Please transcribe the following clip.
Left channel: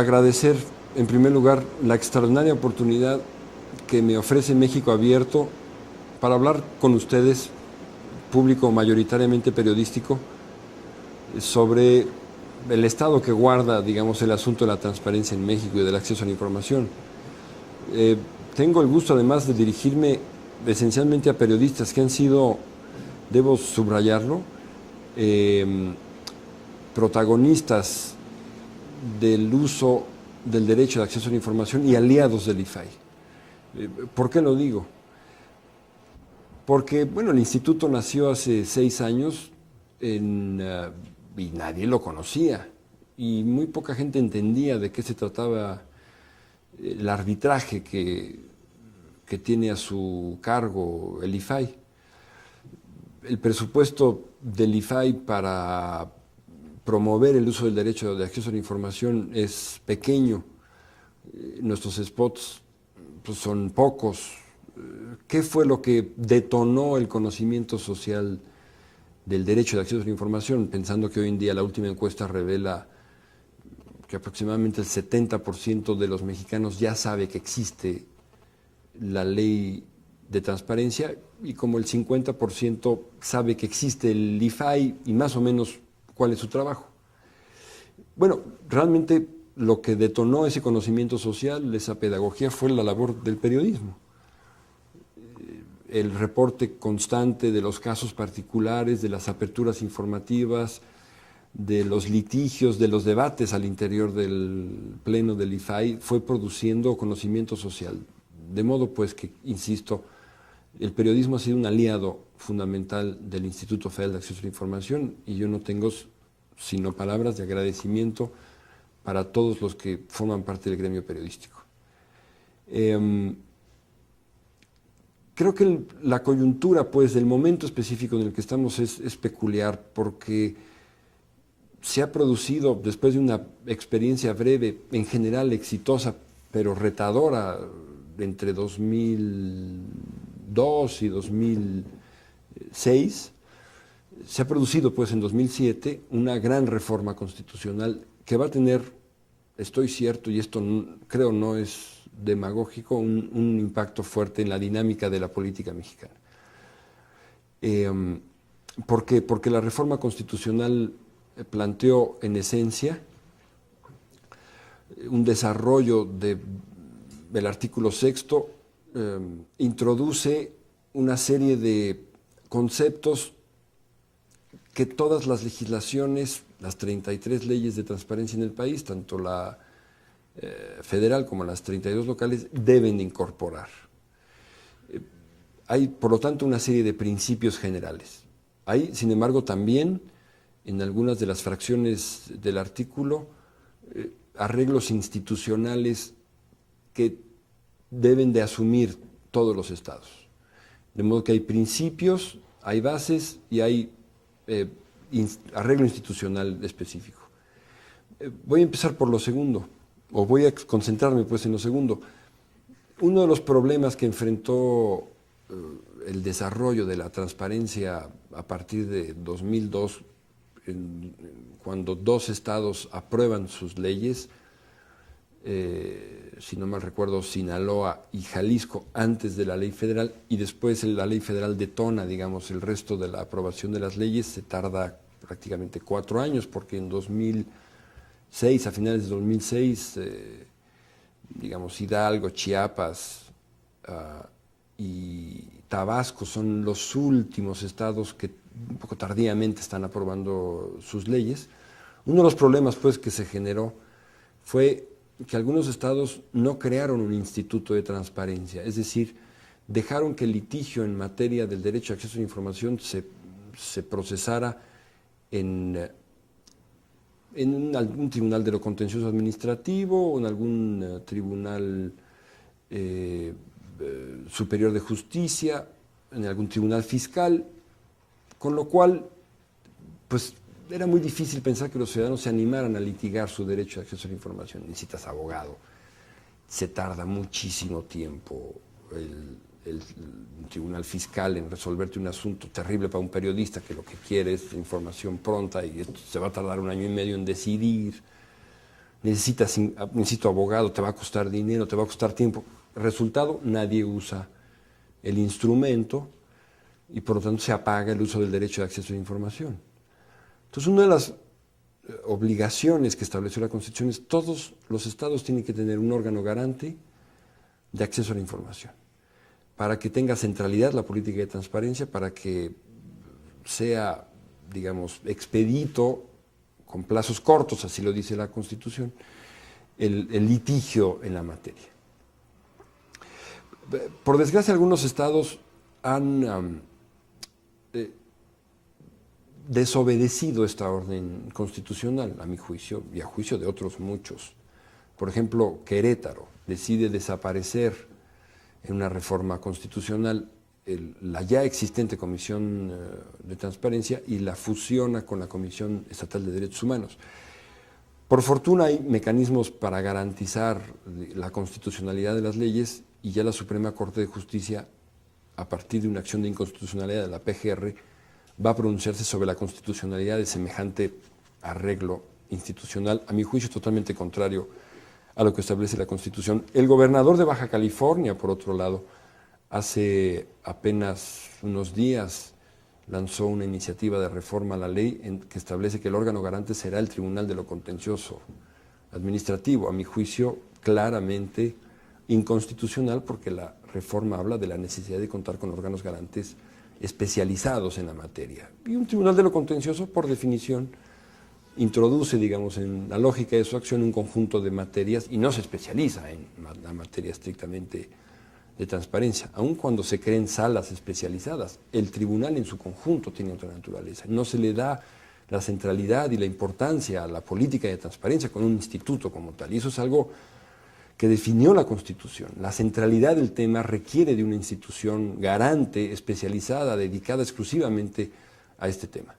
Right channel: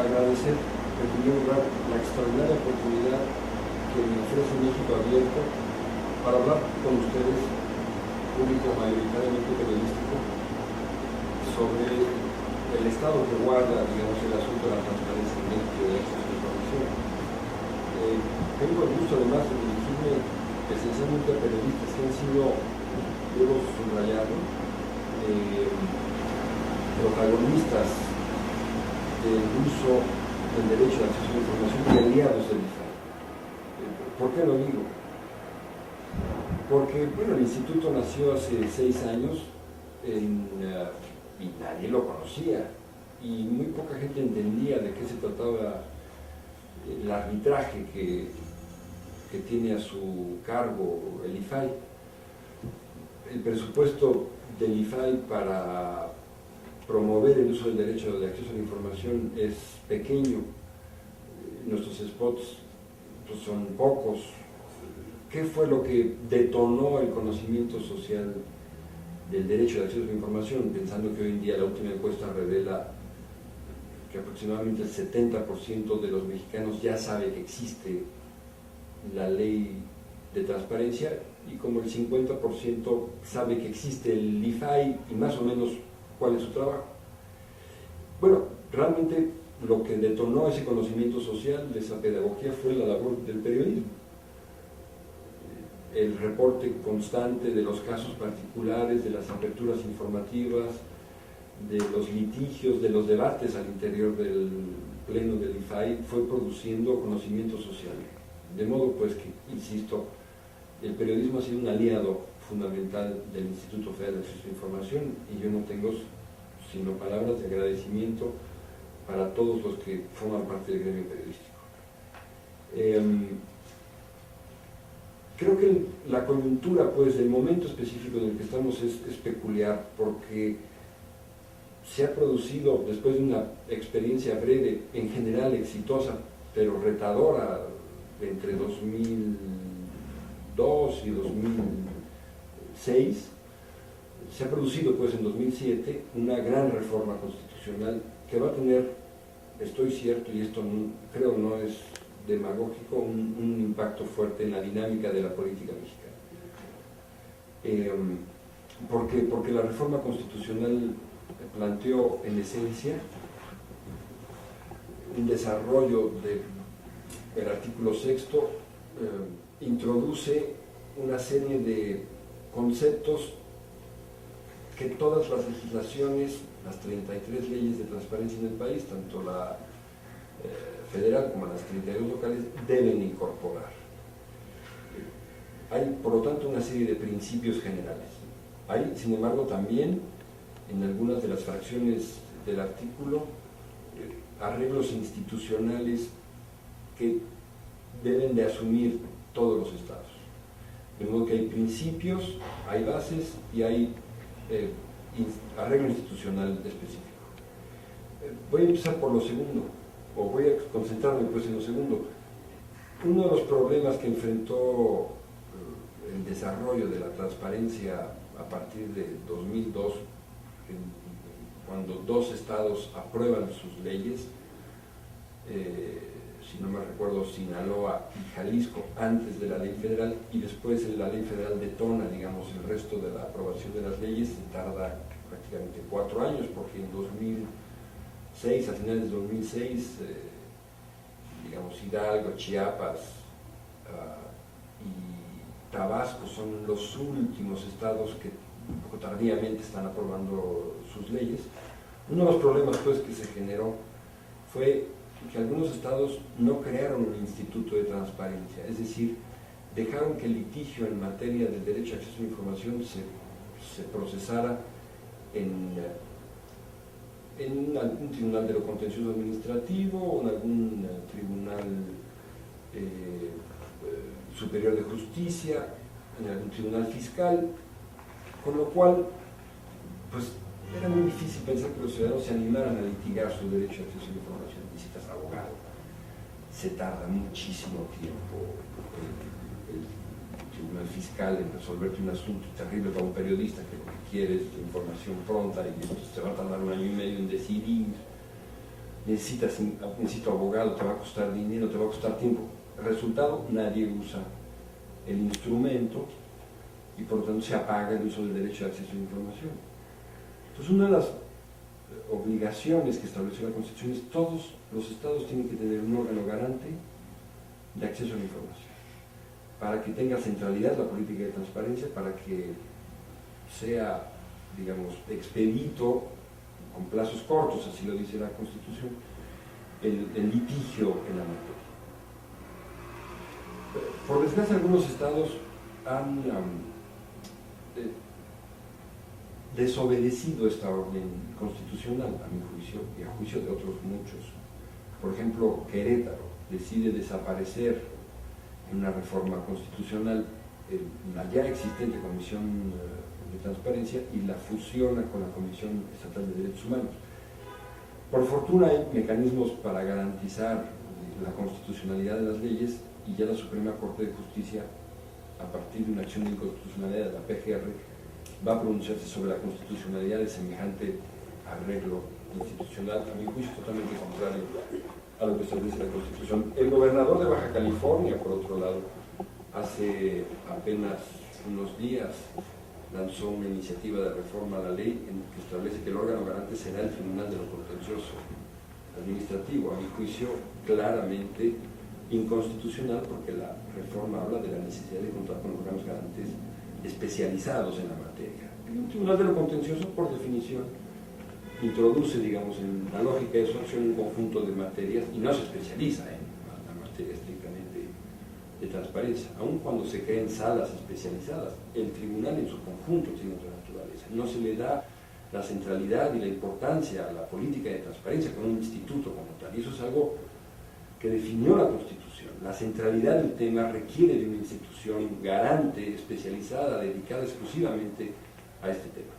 agradecer en primer lugar la extraordinaria oportunidad que me ofrece México Abierto para hablar con ustedes, público mayoritariamente periodístico, sobre el estado que guarda, digamos, el asunto de la transparencia en México y del acceso a la información. Tengo el gusto además de dirigirme esencialmente a periodistas que han sido, debo subrayarlo, protagonistas del uso del derecho de acceso a la información y aliados del IFAI. ¿Por qué lo digo? Porque, bueno, el instituto nació hace 6 años y nadie lo conocía y muy poca gente entendía de qué se trataba el arbitraje que tiene a su cargo el IFAI. El presupuesto del IFAI para promover el uso del derecho de acceso a la información es pequeño. Nuestros spots pues, son pocos. ¿Qué fue lo que detonó el conocimiento social del derecho de acceso a la información? Pensando que hoy en día la última encuesta revela que aproximadamente el 70% de los mexicanos ya sabe que existe la ley de transparencia y como el 50% sabe que existe el IFAI y más o menos cuál es su trabajo. Bueno, realmente lo que detonó ese conocimiento social, esa pedagogía, fue la labor del periodismo. El reporte constante de los casos particulares, de las aperturas informativas, de los litigios, de los debates al interior del pleno del IFAI, fue produciendo conocimiento social. De modo pues que, insisto, el periodismo ha sido un aliado fundamental del Instituto Federal de Acceso a la Información y yo no tengo sino palabras de agradecimiento para todos los que forman parte del gremio periodístico. Creo que la coyuntura, pues, del momento específico en el que estamos es peculiar porque se ha producido, después de una experiencia breve, en general exitosa, pero retadora, entre 2002 y 2006, se ha producido, pues, en 2007, una gran reforma constitucional que va a tener, estoy cierto, y esto creo no es demagógico, un impacto fuerte en la dinámica de la política mexicana. ¿Por qué? Porque la reforma constitucional planteó en esencia un desarrollo del artículo 6, introduce una serie de conceptos que todas las legislaciones, las 33 leyes de transparencia en el país, tanto la federal como las 32 locales, deben incorporar. Hay, por lo tanto, una serie de principios generales. Hay, sin embargo, también en algunas de las fracciones del artículo arreglos institucionales que deben de asumir todos los estados. De modo que hay principios, hay bases y hay arreglo institucional específico. Voy a empezar por lo segundo, o voy a concentrarme pues en lo segundo. Uno de los problemas que enfrentó el desarrollo de la transparencia a partir de 2002, cuando 2 estados aprueban sus leyes, si no mal recuerdo, Sinaloa y Jalisco, antes de la ley federal, y después la ley federal detona, digamos, el resto de la aprobación de las leyes, se tarda prácticamente 4 años, porque en 2006, a finales de 2006, digamos, Hidalgo, Chiapas y Tabasco son los últimos estados que un poco tardíamente están aprobando sus leyes. Uno de los problemas, pues, que se generó fue que algunos estados no crearon un instituto de transparencia, es decir, dejaron que el litigio en materia del derecho a acceso a la información se procesara en algún tribunal de lo contencioso administrativo o en algún tribunal superior de justicia, en algún tribunal fiscal, con lo cual, pues, era muy difícil pensar que los ciudadanos se animaran a litigar su derecho a acceso a la información. Necesitas abogado, se tarda muchísimo tiempo el tribunal fiscal en resolverte un asunto terrible para un periodista que lo que quiere es información pronta y se va a tardar 1 año y medio en decidir. necesito abogado, te va a costar dinero, te va a costar tiempo. Resultado, nadie usa el instrumento y por lo tanto se apaga el uso del derecho de acceso a la información. Entonces, una de las obligaciones que estableció la Constitución es todos los estados tienen que tener un órgano garante de acceso a la información, para que tenga centralidad la política de transparencia, para que sea, digamos, expedito, con plazos cortos, así lo dice la Constitución, el litigio en la materia. Por desgracia, algunos estados han desobedecido esta orden constitucional, a mi juicio, y a juicio de otros muchos. Por ejemplo, Querétaro decide desaparecer en una reforma constitucional la ya existente Comisión de Transparencia y la fusiona con la Comisión Estatal de Derechos Humanos. Por fortuna hay mecanismos para garantizar la constitucionalidad de las leyes y ya la Suprema Corte de Justicia, a partir de una acción de inconstitucionalidad de la PGR, va a pronunciarse sobre la constitucionalidad de semejante arreglo institucional, a mi juicio totalmente contrario a lo que establece la Constitución. El gobernador de Baja California, por otro lado, hace apenas unos días lanzó una iniciativa de reforma a la ley que establece que el órgano garante será el Tribunal de lo Contencioso Administrativo, a mi juicio claramente inconstitucional, porque la reforma habla de la necesidad de contar con órganos garantes especializados en la materia. Y un Tribunal de lo Contencioso, por definición, introduce, digamos, en la lógica de su acción un conjunto de materias y no se especializa en la materia estrictamente de transparencia, aun cuando se creen salas especializadas. El tribunal en su conjunto tiene otra naturaleza. No se le da la centralidad y la importancia a la política de transparencia con un instituto como tal. Y eso es algo que definió la Constitución. La centralidad del tema requiere de una institución garante, especializada, dedicada exclusivamente a este tema.